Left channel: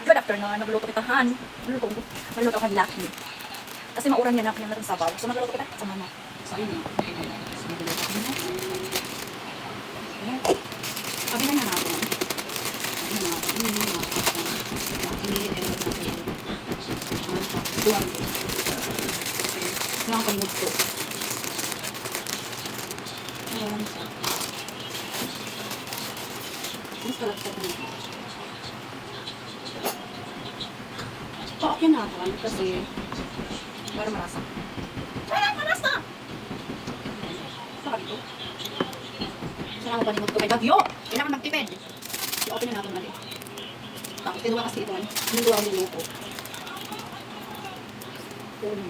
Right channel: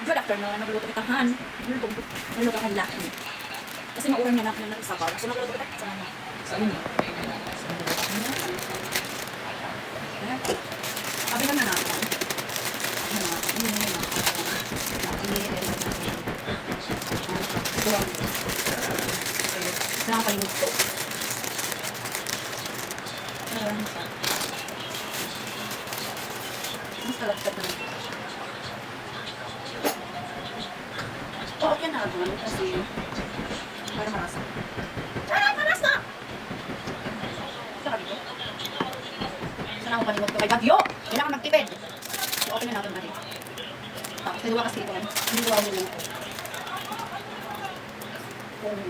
Good afternoon. Nagluto kita han. Nagluto ko. Nagluto kay Lucky. Kasi maurang niya na ako ng sabaw. So nagluto kita sa mama. So yun eh. Abi na na ako. Duwag. Palimod ko. Ayan siya. Mas talagtad na natin. Oo, yan na ako. Kasi, para marasa. Ay, marasa! Sarap ito. Saan ako panimot ko? May bagyo! Kailangan magtipid. I-open na natin natin. Ah, tinuwa kasi ito. Ang niluto. Um,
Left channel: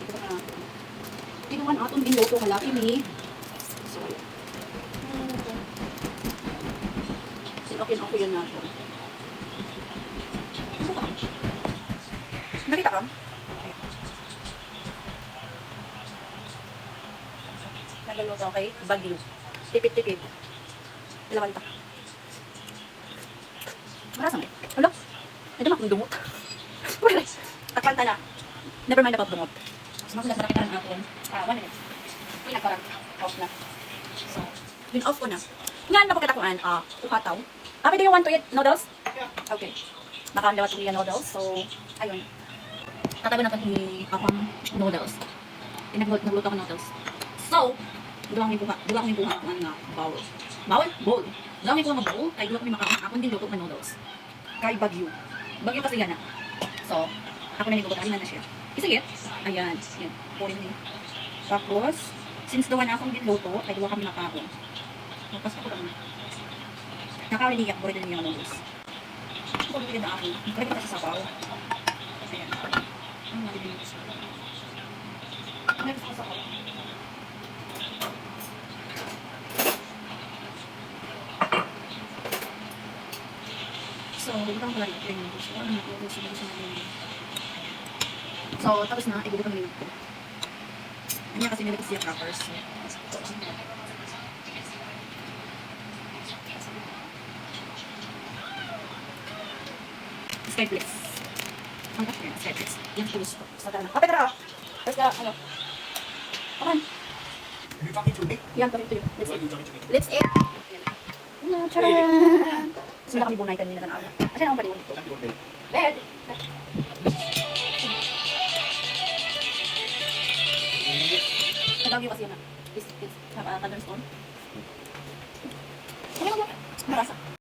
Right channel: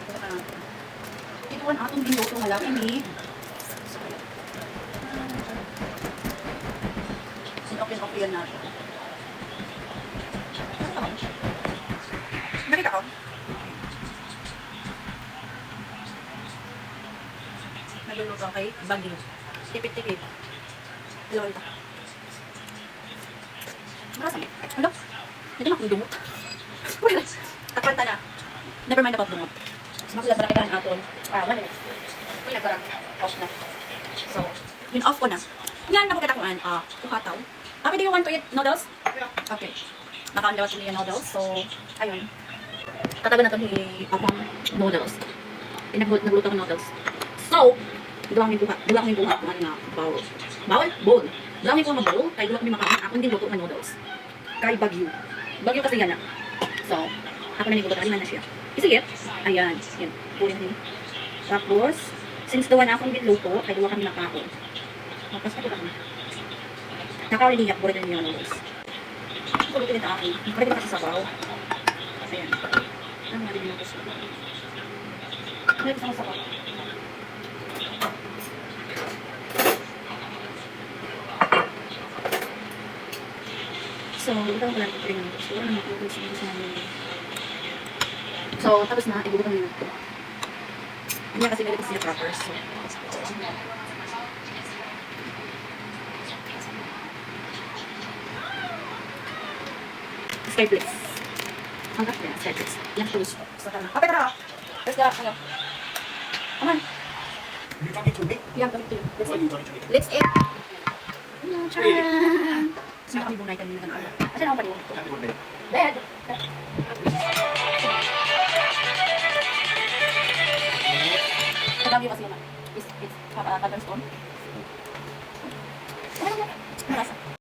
ito na ako. Ang atong niluto. Halaki ni. So, okay, okay yan na. Nakita ka? Nagluluto kay Bagyo. Tipid-tipid. Ilang kalita. Marasa mo. Hala? Hindi na akong dumot. Takanta na. Never mind about dumot. Sumakulat na kita ang aton. Ah, one minute. Hindi na parang off na. So, yun off ko na. Yan, napakita ko an. Ah, kukataw. Happy, do you want to eat noodles? Okay. Nakaandaw at yung noodles. So, ayun. Tatabi na ito ni Apang noodles. Pinag- nagluto ko noodles. So, dulang yung buhat. Dulang yung buhat ng nga bowl. Bowl? Bowl. Dulang yung buhat ng bowl. Kaya dulang yung makain. Akong din luto ng noodles. Kay Bagyo. Bagyo kasi yan na. So, ako na nigulat. Lima na siya. Sige. Ayan. Yan. Puri na. Tapos, since duwa na akong luto, ay duwa kami nakao. Tapos ako kami. Nakawiniyak, buri na niya noodles. Ulitin na ako. Nakawiniyak kasi sa baw. Ayan. Nakawiniyak ako sa baw. So, ito ang pala ng training ko. So, ano na ako sige sa mga So, tapos na, ibubutan nyo. Ano kasi nila kasi yung crackers. So, Sky Bliss. Ang kakit yan, Sky Bliss. Yan siya gusto. Basta ka na. Kapit na! Let's go. Ano? Come on. Yeah, kami tuloy. Let's eat. Let's eat. Yung charan. Sino kami bunay kanina ng ala? Asan ako kanina? Bed. Tabagyo kasi yun. It's, it's, uh, color stone. Okay, okay. Marasa.